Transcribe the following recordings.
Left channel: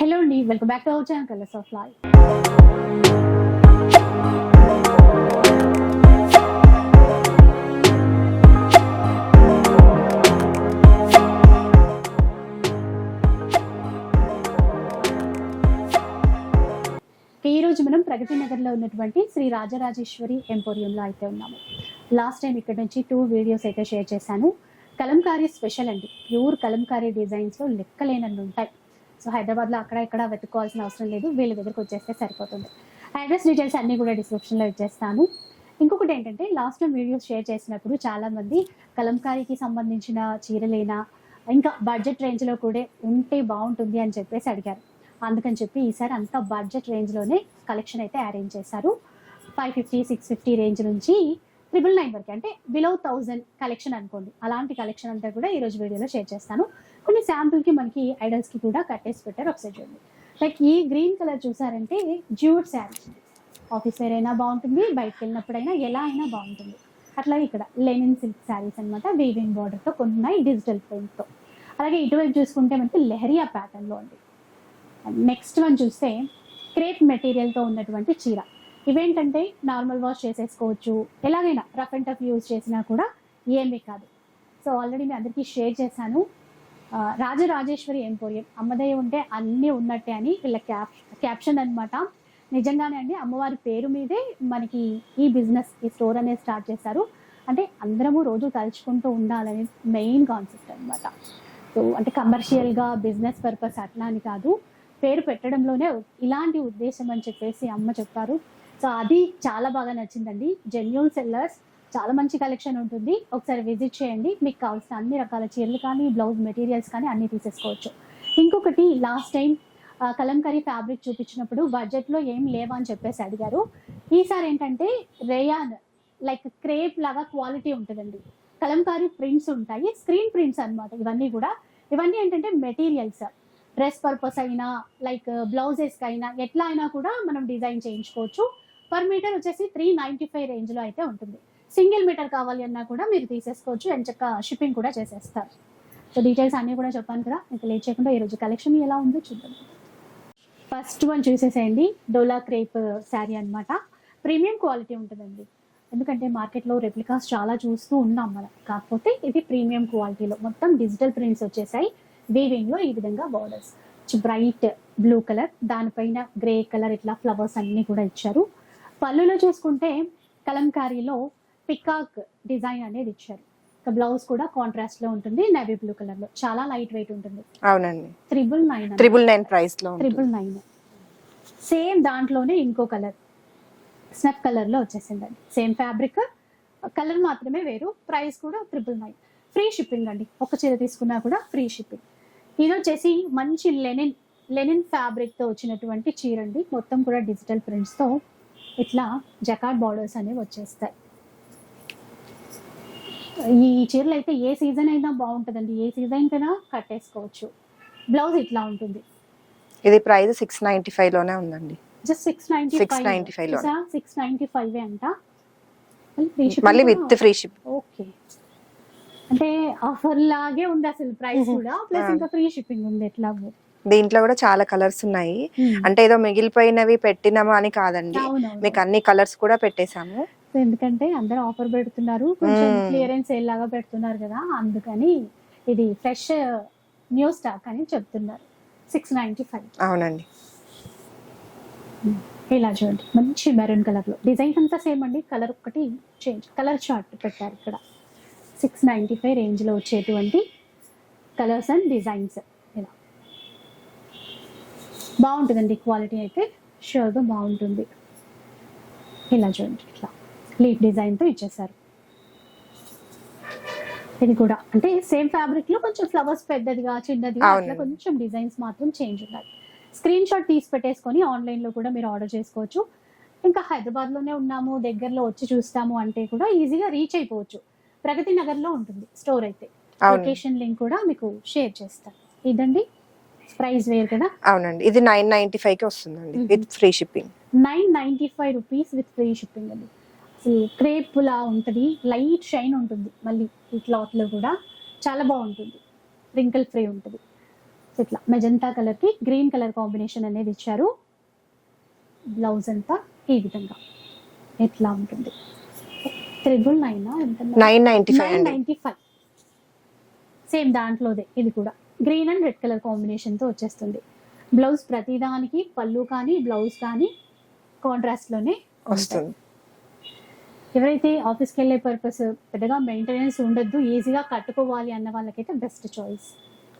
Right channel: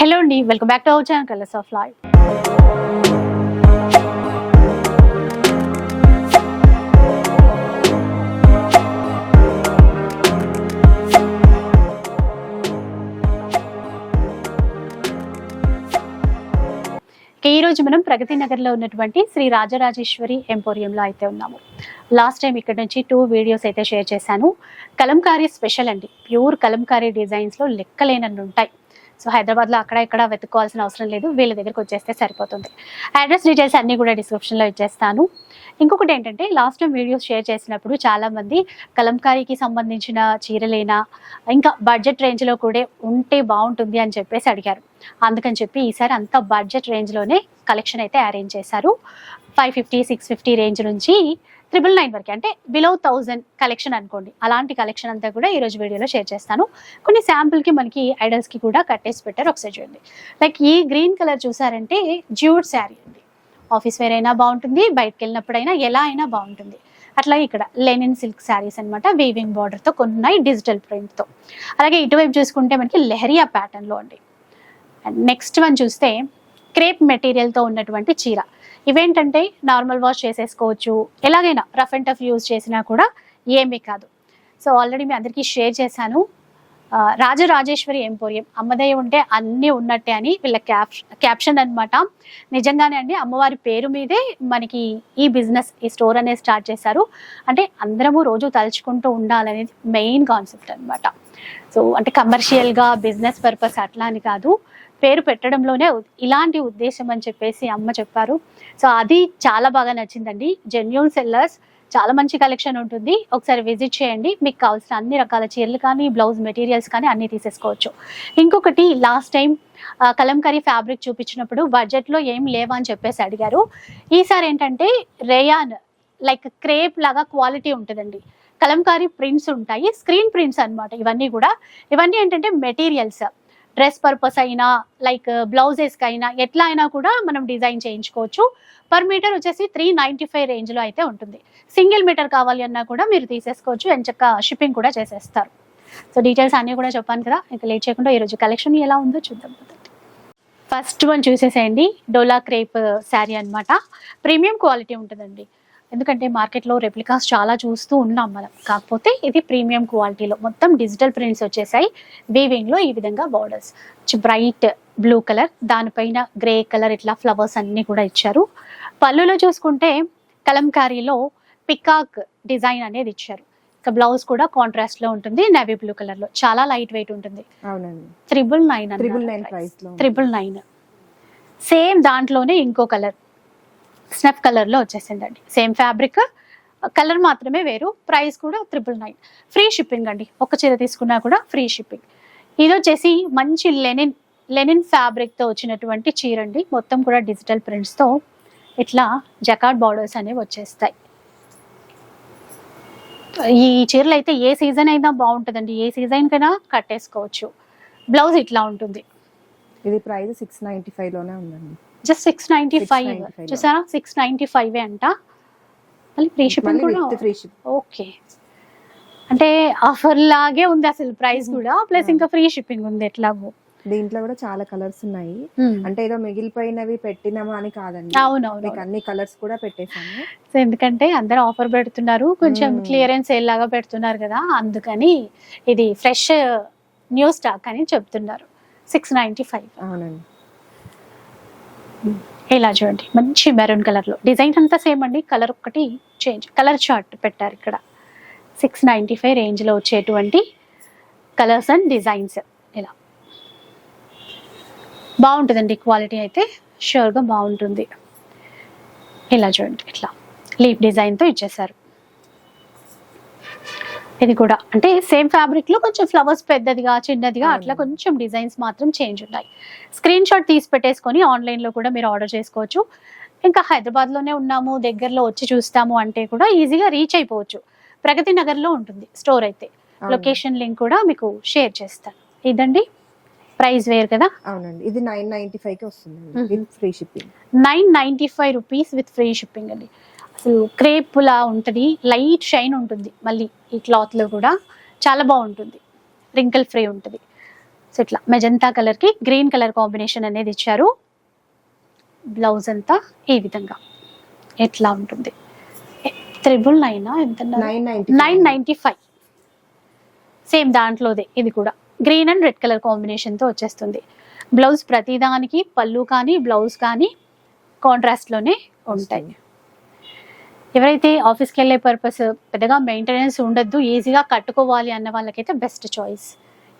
Hello అండి welcome back to our channel colours of life ఈ రోజు మనం ప్రగతి నగర్లో ఉన్నటువంటి శ్రీ రాజరాజేశ్వరి ఎంపోరియంలో అయితే ఉన్నాము. లాస్ట్ టైం ఇక్కడ నుంచి టూ వీడియోస్ అయితే షేర్ చేశాను. కలంకారీ స్పెషల్ అండి. ప్యూర్ కలంకారీ డిజైన్స్లో లెక్కలేనన్ని ఉంటాయి. సో హైదరాబాద్లో అక్కడ ఇక్కడ వెతుక్కోవాల్సిన అవసరం లేదు. వీళ్ళ దగ్గరకు వచ్చేస్తే సరిపోతుంది. అడ్రస్ డీటెయిల్స్ అన్నీ కూడా డిస్క్రిప్షన్లో ఇచ్చేస్తాను. ఇంకొకటి ఏంటంటే లాస్ట్ టైం వీడియోస్ షేర్ చేసినప్పుడు చాలామంది కలంకారీకి సంబంధించిన చీరలేనా ఇంకా బడ్జెట్ రేంజ్లో కూడా ఉంటే బాగుంటుంది అని చెప్పేసి అడిగారు. అందుకని చెప్పి ఈసారి అంత బడ్జెట్ రేంజ్లోనే కలెక్షన్ అయితే అరేంజ్ చేశారు. Five fifty six fifty range నుంచి త్రిబుల్ నైన్ వరకు. అంటే బిలో థౌజండ్ కలెక్షన్ అనుకోండి. అలాంటి కలెక్షన్ అంతా కూడా ఈరోజు వీడియోలో షేర్ చేస్తాను. కొన్ని శాంపుల్కి మనకి ఐడల్స్కి కూడా కట్టేసి పెట్టారు. ఒకసారి చూడండి. లైక్ ఈ గ్రీన్ కలర్ చూసారంటే జ్యూడ్ శారీ ఆఫీస్ వేర్ అయినా బాగుంటుంది. బయటకు వెళ్ళినప్పుడైనా ఎలా అయినా బాగుంటుంది. అట్లాగే ఇక్కడ లెనిన్ సిల్క్ శారీస్ అనమాట వీవింగ్ బార్డర్తో కొన్ని ఉన్నాయి డిజిటల్ ప్రింట్తో అలాగే ఇటువైపు చూసుకుంటే మనకి లెహరియా ప్యాటర్న్లో అండి అండ్ నెక్స్ట్ వన్ చూస్తే క్రేప్ మెటీరియల్తో ఉన్నటువంటి చీర. ఇవేంటంటే నార్మల్ వాష్ చేసేసుకోవచ్చు. ఎలాగైనా రఫ్ అండ్ టఫ్ యూజ్ చేసినా కూడా ఏమీ కాదు. సో ఆల్రెడీ మీ అందరికీ షేర్ చేశాను. రాజరాజేశ్వరి ఎంపోరియం. అమ్మదయ్య ఉంటే అన్నీ ఉన్నట్టే అని వీళ్ళ క్యాప్ క్యాప్షన్ అనమాట నిజంగానే అండి అమ్మవారి పేరు మీదే మనకి ఈ బిజినెస్ ఈ స్టోర్ అనేది స్టార్ట్ చేశారు. అంటే అందరము రోజు తలుచుకుంటూ ఉండాలనేది మెయిన్ కాన్సెప్ట్ అనమాట సో అంటే కమర్షియల్గా బిజినెస్ పర్పస్ అట్లా అని కాదు. పేరు పెట్టడంలోనే ఇలాంటి ఉద్దేశం అని చెప్పేసి అమ్మ చెప్పారు. సో అది చాలా బాగా నచ్చిందండి. జెన్యున్ సెల్లర్స్ చాలా మంచి కలెక్షన్ ఉంటుంది. ఒకసారి విజిట్ చేయండి. మీకు కావాల్సిన అన్ని రకాల చీరలు కానీ బ్లౌజ్ మెటీరియల్స్ కానీ అన్నీ తీసేసుకోవచ్చు. ఇంకొకటి లాస్ట్ టైం కలంకరీ ఫ్యాబ్రిక్ చూపించినప్పుడు బడ్జెట్లో ఏం లేవా అని చెప్పేసి అడిగారు. ఈసారి ఏంటంటే రేయాన్ లైక్ క్రేప్ లాగా క్వాలిటీ ఉంటుందండి. కలంకారీ ప్రింట్స్ ఉంటాయి స్క్రీన్ ప్రింట్స్ అన్నమాట ఇవన్నీ కూడా. ఇవన్నీ ఏంటంటే మెటీరియల్స్ డ్రెస్ పర్పస్ అయినా లైక్ బ్లౌజెస్కి అయినా ఎట్లా అయినా కూడా మనం డిజైన్ చేయించుకోవచ్చు. పర్ మీటర్ వచ్చేసి త్రీ నైంటీ ఫైవ్ రేంజ్లో అయితే ఉంటుంది. సింగిల్ మీటర్ కావాలి అన్నా కూడా మీరు తీసేసుకోవచ్చు. ఎంచక్క షిప్పింగ్ కూడా చేసేస్తారు. సో డీటెయిల్స్ అన్నీ కూడా చెప్పాను కదా ఇంకా లేట్ చేయకుండా ఈరోజు కలెక్షన్ ఎలా ఉందో చూద్దాం. ఫస్ట్ వన్ చూసేసేయండి. డోలా క్రేప్ శారీ అన్నమాట. ప్రీమియం క్వాలిటీ ఉంటుందండి. ఎందుకంటే మార్కెట్లో రెప్లికాస్ చాలా చూస్తూ ఉన్నాం మనం. కాకపోతే ఇది ప్రీమియం క్వాలిటీలో మొత్తం డిజిటల్ ప్రింట్స్ వచ్చేసాయి. వీవింగ్లో ఈ విధంగా బార్డర్స్ బ్రైట్ బ్లూ కలర్ దానిపైన గ్రే కలర్ ఇట్లా ఫ్లవర్స్ అన్నీ కూడా ఇచ్చారు. పళ్ళులో చూసుకుంటే కలంకారీలో పికాక్ డిజైన్ అనేది ఇచ్చారు. ఇక బ్లౌజ్ కూడా కాంట్రాస్ట్లో ఉంటుంది నేవీ బ్లూ కలర్లో. చాలా లైట్ వెయిట్ ఉంటుంది. అవునండి. త్రిబుల్ నైన్ త్రిబుల్ నైన్ ప్రైస్లో. త్రిబుల్ నైన్ సేమ్ దాంట్లోనే ఇంకో కలర్ స్నఫ్ కలర్లో వచ్చేసిందండి. Same fabric. కలర్ మాత్రమే వేరు. ప్రైస్ కూడా త్రిపుల్ నైన్ ఫ్రీ షిప్పింగ్ అండి. ఒక చీర తీసుకున్నా కూడా ఫ్రీ షిప్పింగ్ ఇది వచ్చేసి మంచి లెనిన్ లెనిన్ ఫ్యాబ్రిక్తో వచ్చినటువంటి చీర అండి మొత్తం కూడా డిజిటల్ ప్రింట్స్తో ఇట్లా జకాట్ బార్డర్స్ అనేవి వచ్చేస్తాయి. ఈ చీరలు అయితే ఏ సీజన్ అయినా బాగుంటుందండి. ఏ సీజన్ కైనా కట్టేసుకోవచ్చు. బ్లౌజ్ ఇట్లా ఉంటుంది. ఇది ప్రైస్ సిక్స్ నైంటీ ఫైవ్లోనే ఉందండి. జస్ట్ సిక్స్ నైన్టీ ఫైవ్ 695 లో. చూసారా సిక్స్ నైన్టీ ఫైవ్ అంట. మళ్ళీ ఫ్రీ మళ్ళీ shipping with free ship okay. అంటే ఆఫర్ లాగే ఉంది అసలు ప్రైస్. కూడా. ప్లస్. ఇంకా ఫ్రీ షిప్పింగ్ ఉంది ఎట్లాగో. దీంట్లో కూడా చాలా కలర్స్ ఉన్నాయి. అంటే ఏదో మిగిలిపోయినవి పెట్టినామా అని కాదండి. మీకు అన్ని కలర్స్ కూడా పెట్టేశాము. ఎందుకంటే అందరూ ఆఫర్ పెడుతున్నారు. కొంచెం. క్లియరెన్స్ సేల్ లాగా పెడుతున్నారు కదా అందుకని ఇది ఫ్రెష్ న్యూ స్టాక్ అని చెప్తున్నారు. సిక్స్ నైన్టీ ఫైవ్ అవునండి. ఇలా చూడండి మంచి మెరూన్ కలర్లో. డిజైన్ అంతా సేమ్ అండి కలర్ ఒక్కటి చేంజ్ కలర్ చార్ట్ పెట్టారు ఇక్కడ. సిక్స్ నైంటీ ఫైవ్ రేంజ్లో వచ్చేటువంటి కలర్స్ అండ్ డిజైన్స్ ఇలా. బాగుంటుందండి క్వాలిటీ అయితే షూర్గా బాగుంటుంది. ఇలా చూడండి ఇట్లా. లీఫ్ డిజైన్తో ఇచ్చేసారు. ఇది కూడా. అంటే సేమ్ ఫ్యాబ్రిక్లో కొంచెం ఫ్లవర్స్ పెద్దదిగా చిన్నదిగా అట్లా. కొంచెం డిజైన్స్ మాత్రం చేంజ్ ఉన్నాయి. స్క్రీన్ షాట్ తీసి పెట్టేసుకొని ఆన్లైన్లో కూడా మీరు ఆర్డర్ చేసుకోవచ్చు. ఇంకా హైదరాబాద్లోనే ఉన్నాము దగ్గరలో వచ్చి చూస్తాము అంటే కూడా ఈజీగా రీచ్ అయిపోవచ్చు. ప్రగతి నగర్లో ఉంటుంది స్టోర్ అయితే. లొకేషన్ లింక్ కూడా మీకు షేర్ చేస్తాను. ఇదండి ప్రైస్ వేరు కదా? అవునండి. ఇది నైన్ నైన్టీ ఫైవ్కి వస్తుందండి. With free shipping nine ninety five rupees with free shipping అండి. అసలు క్రేప్ లా ఉంటుంది లైట్ షైన్ ఉంటుంది మళ్ళీ ఈ క్లాత్లో కూడా. చాలా బాగుంటుంది. రింకిల్ ఫ్రీ ఉంటుంది. సో ఇట్లా మెజంతా కలర్కి గ్రీన్ కలర్ కాంబినేషన్ అనేది ఇచ్చారు. బ్లౌజ్ అంతా ఈ విధంగా ఎట్లా ఉంటుంది? త్రిబుల్ నైన్ ఎంత nine ninety nine ninety five. Same దాంట్లోదే ఇది కూడా. గ్రీన్ అండ్ రెడ్ కలర్ కాంబినేషన్తో వచ్చేస్తుంది. బ్లౌజ్ ప్రతిదానికి పళ్ళు కానీ బ్లౌజ్ కానీ కాంట్రాస్ట్లోనే వస్తాయి ఎవరైతే ఆఫీస్కి వెళ్ళే పర్పస్ పెద్దగా మెయింటెనెన్స్ ఉండొద్దు ఈజీగా కట్టుకోవాలి అన్న వాళ్ళకైతే బెస్ట్ చాయిస్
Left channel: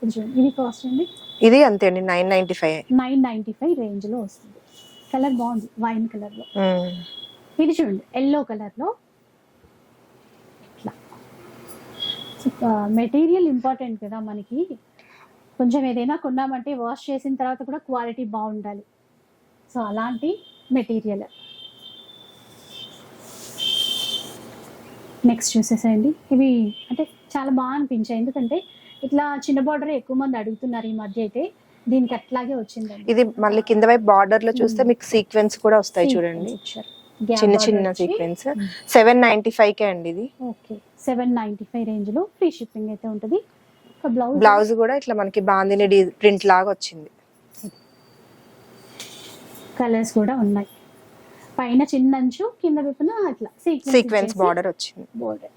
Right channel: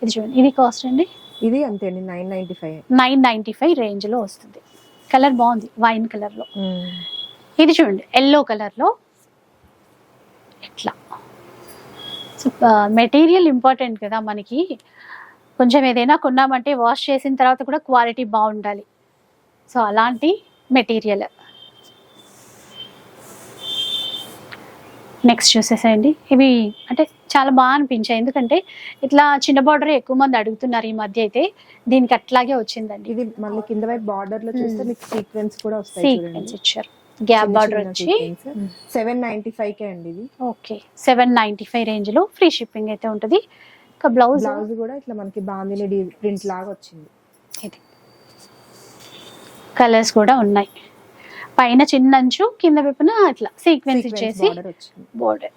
ఇది చూడండి. ఇది కాస్ట్ అండి? ఇది అంతే అండి nine ninety five nine ninety five రేంజ్లో వస్తుంది. కలర్ బాగుంది వైన్ కలర్లో ఇది చూడండి ఎల్లో కలర్లో ఇట్లా. మెటీరియల్ ఇంపార్టెంట్ కదా మనకి. కొంచెం ఏదైనా కొన్నామంటే వాష్ చేసిన తర్వాత కూడా క్వాలిటీ బాగుండాలి. సో అలాంటి మెటీరియల్ నెక్స్ట్ చూసేసేయండి. ఇవి అంటే చాలా బాగా అనిపించాయి. ఎందుకంటే ఇట్లా చిన్న బార్డర్ ఎక్కువ మంది అడుగుతున్నారు ఈ మధ్య అయితే. దీనికి అట్లాగే వచ్చిందండి. ఇది మళ్ళీ కింద వైపు బార్డర్లో చూస్తే. మీకు సీక్వెన్స్ కూడా వస్తాయి చూడండి. ఇచ్చారు. Gap border seven ninety five కే అండి ఇది. ఓకే. సెవెన్ నైంటీ ఫైవ్ రేంజ్లో ఫ్రీ షిప్పింగ్ అయితే ఉంటుంది. ఇంకా బ్లౌజ్ బ్లౌజ్ కూడా ఇట్లా మనకి బాందిని ప్రింట్ లాగా వచ్చింది. ఇది. కలర్స్ కూడా ఉన్నాయి. పైన చిన్న అంచు కింద వైపున ఇట్లా సీక్వెన్స్ బార్డర్ వచ్చింది. బోర్డర్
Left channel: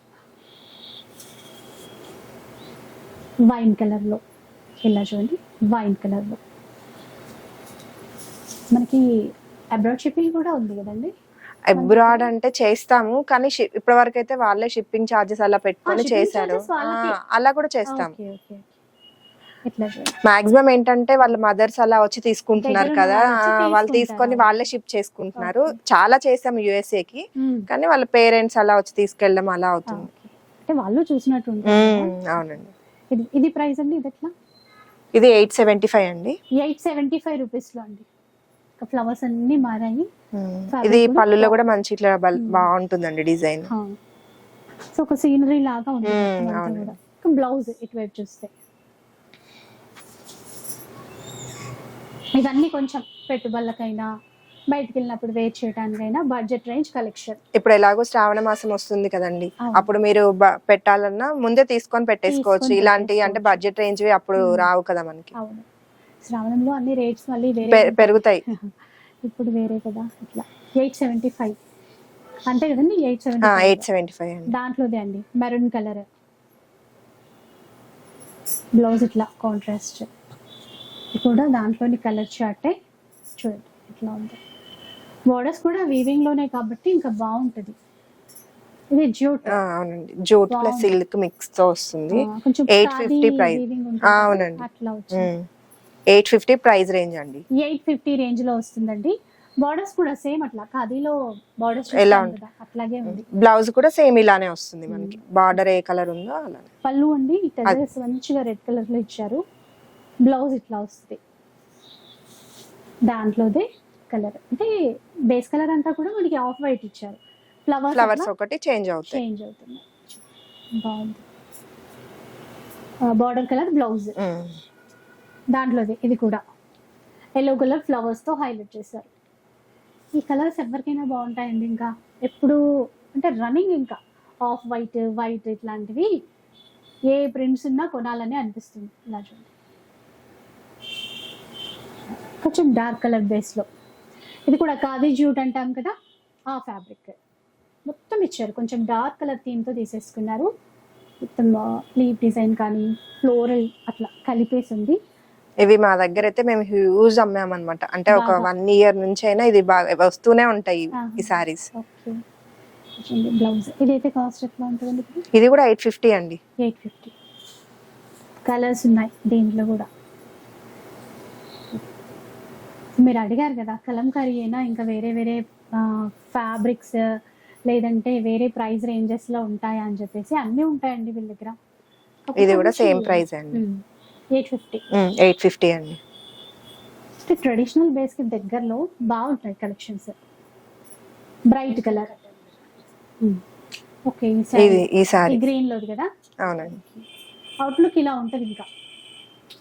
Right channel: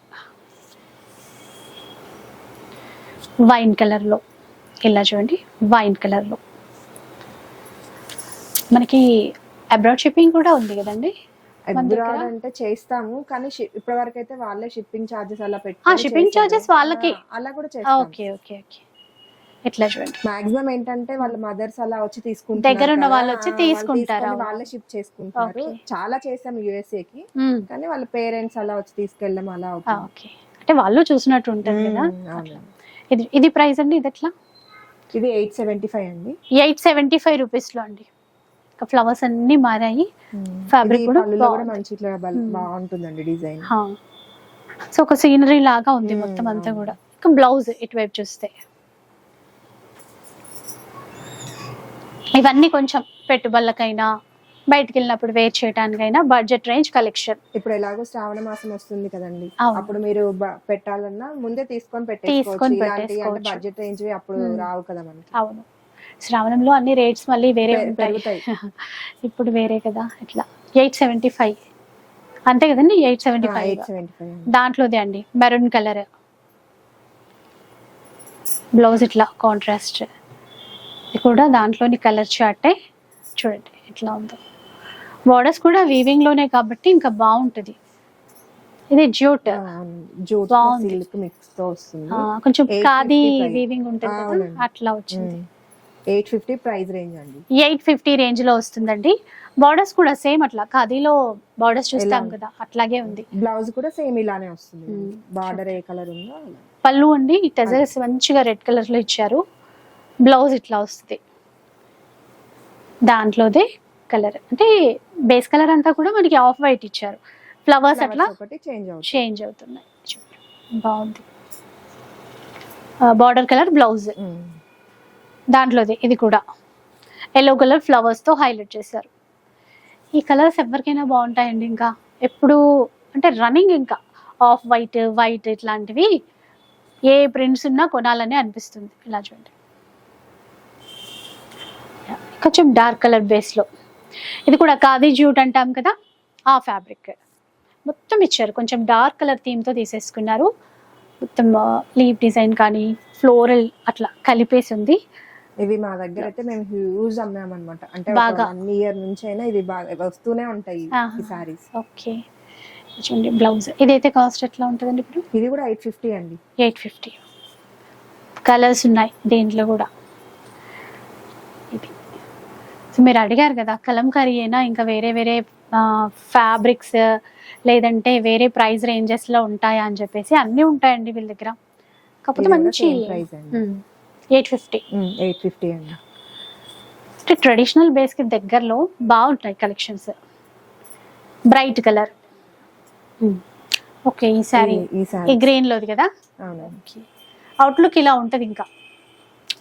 వైన్ కలర్లో ఇలా చూడండి. వైన్ కలర్లో మనకి అబ్రాడ్ షిప్పింగ్ కూడా ఉంది కదండి? అబ్రాడ్? అంటే చేస్తాము కానీ ఇప్పటి వరకు అయితే వాళ్ళే షిప్పింగ్ చార్జెస్ అలా shipping చేశారు. charges వాళ్ళకి? అలా కూడా చేస్తాం. Okay okay okay. ఇట్లా చూడండి మాక్సిమం ఏంటంటే వాళ్ళ మదర్స్ అలా వచ్చి తీసుకుంటున్నారు కదా. వాళ్ళు తీసుకుంటారు, తీసుకొని. వాళ్ళే షిప్ చేసుకుంటున్నారు. చాలా చేసాం యుఎస్ఏ కి. కానీ వాళ్ళ పేరెంట్స్ అలా వచ్చి తీసుకెళ్ళడం అలా అవుతుంది. ఓకే. అంటే వాళ్ళు చూసినట్టు మ్మ్, అవునండి. ఇది ఇది ప్రైస్ అండి ఇది ఎట్లా? ఇది ఎయిట్ సెవెంటీ ఫైవ్ అండి. ఎయిట్ సెవెంటీ ఫైవ్ రూపీస్లో అండి. ఇంకా ఫ్లవర్స్ అన్నీ మారాయి. ఇది పళ్ళులో కూడా. మంచి ఇట్లా. బాగుంటుందండి డిజైన్. సో ఒక సీనరీ లాగా ఉంది మొత్తం అంతా. కూడా. బ్లౌజ్ ఇటువైపు చూస్తే. ఇవన్నీ కొంచెం పెట్టుబడులకైనా బయటికి వెళ్ళినప్పుడు వేర్ చేయడానికైనా బడ్జెట్ రేంజ్ కలెక్షన్ ఇప్పుడు ఎలాగో శ్రావణ మాసం వస్తుంది కదండి. అప్పుడు మీరు పెట్టాలన్నా ముందే తీసుకొని పెట్టేసుకోవచ్చు. ఇలాంటి అంటే. బడ్జెట్ రేంజ్ అప్పుడు. రావు కదా మనకి. అవును. శ్రావణంలో అన్ని రేట్స్ మళ్ళీ వేరే. పెరుగుతాయి. ఇప్పుడు వేరే కదా ఇట్లా. ఎయిట్ సెవెంటీ ఫైవ్ అంతే కదండి? Eight seventy eight seventy five దాంట్లోదే అండి. Maroon colour. బ్లౌజ్ ఇట్లా కాంట్రాస్ట్ కూడా దాంట్లోని కలర్ చార్టే చూడండి ఇట్లా ఉంది. బోర్డర్స్ కూడా వీవింగ్లోనే కాబట్టి ఇంకా బాగుంటది. ఇది జ్యూట్ అవునండి. బాగుంది. సిల్క్ మిక్స్తో వస్తుంది కొంచెం 850 ఖాదీ price. వీవింగ్ ఉంటుంది కదా. అట్లా వచ్చింది. ఎయిట్ ఫిఫ్టీ ప్రైస్ రేంజ్ అండి. ఎయిట్ ఫిఫ్టీ రేంజ్లో వస్తుందండి. బార్డర్స్ కూడా సేమ్ అట్లా. ఖాదీలో బార్డర్స్ చూస్తాం? కదా అట్లాగే ఉంది. బ్లౌజ్ కూడా సేమ్ ఇలానే వస్తుంది మనకి. బార్డర్ ఏ కలర్ ఉందో అలా పళ్ళు అండి టెజర్స్ మంచిగా రెడ్ కలర్లో ఇచ్చారు. బ్లౌజ్ ఇట్లా వస్తుంది. దాంట్లోదే కలర్. అంటే బేస్ కలర్ అంతా కూడా మనకి ఆఫ్ వైట్ ఇచ్చారు. ఫ్లవర్స్ అట్లా ఒకటి చేంజ్ అవుతుంది చేంజ్ అవుతున్నాయి. బాగుంది. Border colour blouse. దాంట్లోది ఇది కూడా. ఎల్లో కలర్ ఫ్లవర్స్తో హైలైట్ చేశారు. ఈ కలర్స్ ఎవరికైనా బాగుంటాయండి ఇంకా? ఎప్పుడు అంటే రన్నింగ్ ఇంకా. ఆఫ్ వైట్ వైట్ ఇట్లాంటివి ఏ ప్రింట్స్ ఉన్నా కొనాలని అనిపిస్తుంది. ఇలా చూడండి. కొంచెం డార్క్ కలర్ బేస్లో ఇది కూడా ఖాదీ జ్యూట్ అంటాం కదా ఆ ఫ్యాబ్రిక్ మొత్తం ఇచ్చారు. కొంచెం డార్క్ కలర్ థీమ్తో తీసేసుకున్నారు. మొత్తం లీవ్ డిజైన్ కానీ ఫ్లోరల్ అట్లా కలిపేసి ఉంది. ఇవి మా దగ్గర అయితే మేము హ్యూజ్ అమ్మామన్నమాట. అంటే ఒక. వన్ ఇయర్ నుంచి అయినా ఇది బాగా వస్తూనే ఉంటాయి. ఈ సారీస్ ఓకే. చూడండి బ్లౌజ్ ఇదైతే కాస్ట్ ఎట్లా ఉంటుందండి ఇప్పుడు? ఇది కూడా ఎయిట్ ఫిఫ్టీ అండి. ఎయిట్ ఫిఫ్టీ కలర్స్ ఉన్నాయి దీంట్లో కూడా. సో మీరు అడిగారు కదా కలంకారీ అయినా ఇంకా వేరే వేరే ఫ్యాబ్రిక్స్ లేదంటే వేరే ప్రైస్ రేంజెస్లో ఉంటాయా అని చెప్పేసి అన్నీ ఉంటాయండి వీళ్ళ దగ్గర. ఇది కూడా సేమ్ ప్రైస్ అండి. Eight fifty. ఎయిట్ ఫిఫ్టీ అండి. అంటే ట్రెడిషనల్ బేస్కి దగ్గరలో బాగుంటాయి కలెక్షన్స్. Bright colour. ఓకే ఈ సారీ ఈ గ్రీన్ లోది కదా? అవునండి. అవుట్లుక్ ఇలా ఉంటుంది ఇంకా.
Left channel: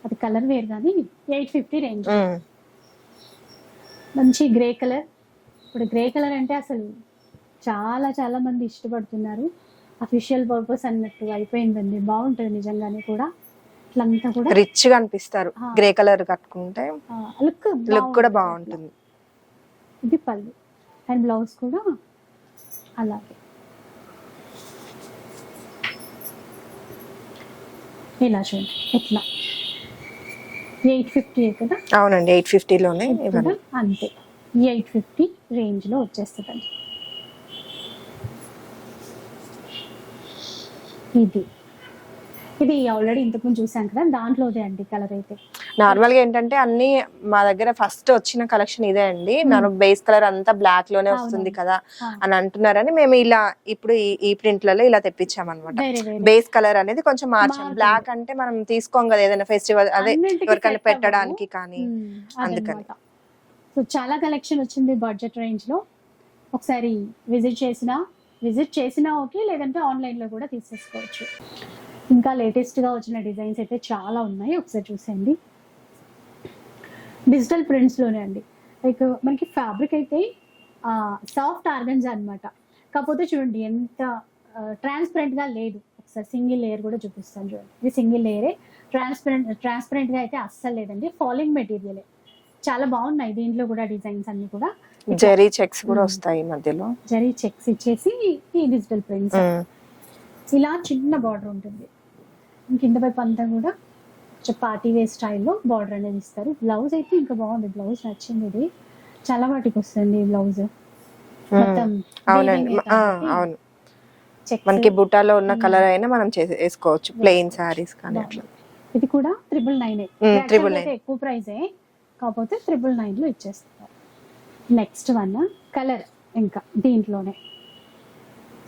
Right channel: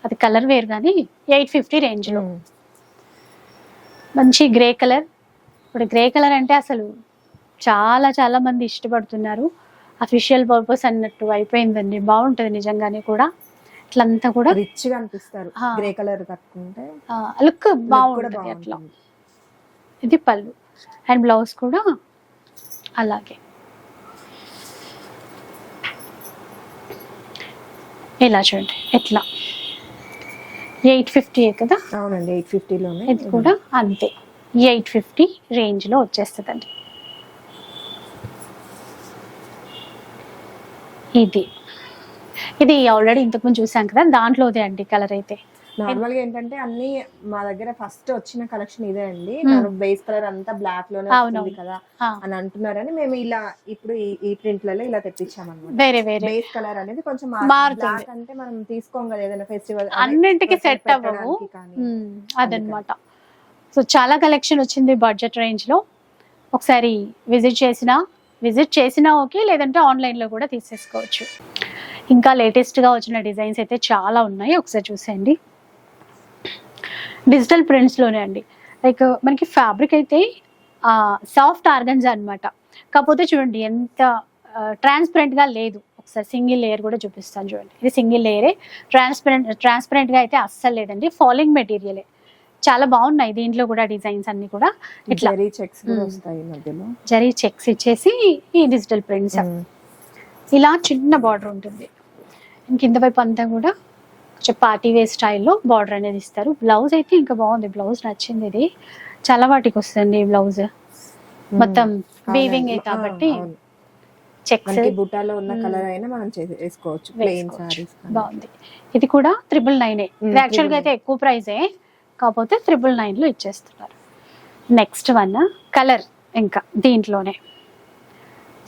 అది కలర్ వేరు కానీ ఎయిట్ ఫిఫ్టీ రేంజ్. మంచి గ్రే కలర్ ఇప్పుడు గ్రే కలర్ అంటే అసలు చాలా చాలా మంది ఇష్టపడుతున్నారు. అఫీషియల్ పర్పస్ అన్నట్టు అయిపోయిందండి. బాగుంటుంది నిజంగానే కూడా. ఇట్లంతా కూడా రిచ్గా అనిపిస్తారు. గ్రే కలర్ కట్టుకుంటే లుక్ కూడా. బాగుంటుంది ఇది పళ్ళు. అండ్ బ్లౌజ్ కూడా అలాగే. ఇలా చూడండి. ఎట్లా? ఎయిట్ ఫిఫ్టీ కదా? అవునండి ఎయిట్ ఫిఫ్టీలోనే ఇది కూడా అంతే. ఎయిట్ ఫిఫ్టీ రేంజ్లో వచ్చేస్తుందండి. ఇది. ఇది ఆల్రెడీ ఇంతకుముందు చూసాం కదా దాంట్లోదే అండి కలర్ అయితే. నార్మల్గా ఏంటంటే అన్ని మా దగ్గర ఫస్ట్ వచ్చిన కలెక్షన్ ఇదే అండి. Hmm. బేస్ కలర్ అంతా బ్లాక్లోనే. వస్తుంది కదా అని అంటున్నారని మేము ఇలా ఇప్పుడు ఈ- ప్రింట్లలో ఇలా తెప్పించాం అనమాట బేస్ కలర్ అనేది కొంచెం. బ్లాక్ అంటే మనం తీసుకోం కదా ఏదైనా ఫెస్టివల్ పెట్టడానికి కానీ అదనమాట సో చాలా కలెక్షన్ వచ్చింది బడ్జెట్ రేంజ్లో. ఒకసారి విజిట్ చేసినా విజిట్ చేసినా ఓకే లేదంటే ఆన్లైన్లో కూడా తీసేసుకోవచ్చు. ఇంకా లేటెస్ట్గా వచ్చిన డిజైన్స్ అయితే చాలా ఉన్నాయి. ఒకసారి చూసేయండి. డిజిటల్ ప్రింట్స్లోనే అండి. లైక్ మనకి ఫ్యాబ్రిక్ అయితే సాఫ్ట్ ఆర్గన్స్ అన్నమాట. కాకపోతే చూడండి ఎంత ట్రాన్స్పరెంట్గా లేదు. ఒకసారి సింగిల్ లేయర్ కూడా చూపిస్తాను చూడండి. ఇది సింగిల్ లేయరే ట్రాన్స్పరెంట్ ట్రాన్స్పరెంట్గా అయితే అస్సలు లేదండి. ఫాలింగ్ మెటీరియలే చాలా బాగున్నాయి దీంట్లో కూడా డిజైన్స్ అన్ని కూడా. జరీ చెక్స్ కూడా. వస్తాయి మధ్యలో. జరీ చెక్స్ ఇచ్చేసి ఈ డిజిటల్ ప్రింట్స్. ఇలా చిన్న బార్డర్ ఉంటుంది. కింద వైపు అంతా కూడా కొంచెం పార్టీ వేర్ స్టైల్లో బార్డర్ అనేది ఇస్తారు. బ్లౌజ్ అయితే ఇంకా బాగుంది. బ్లౌజ్ నచ్చింది ఇది. చాలా వాటికి వస్తుంది బ్లౌజ్. మొత్తం వీవింగ్ కాబట్టి మనకి బుటాలో ఉన్న. కలర్ అయినా మనం వేసుకోవచ్చు. ప్లెయిన్. సారీస్ బాగుంది. ఇది కూడా త్రిబుల్ నైన్ యాక్చువల్గా అయితే ఎక్కువ ప్రైజే కాకపోతే త్రిబుల్ నైన్లో ఇచ్చేస్తున్నారు. నెక్స్ట్ వన్ కలర్ ఇంకా దీంట్లోనే.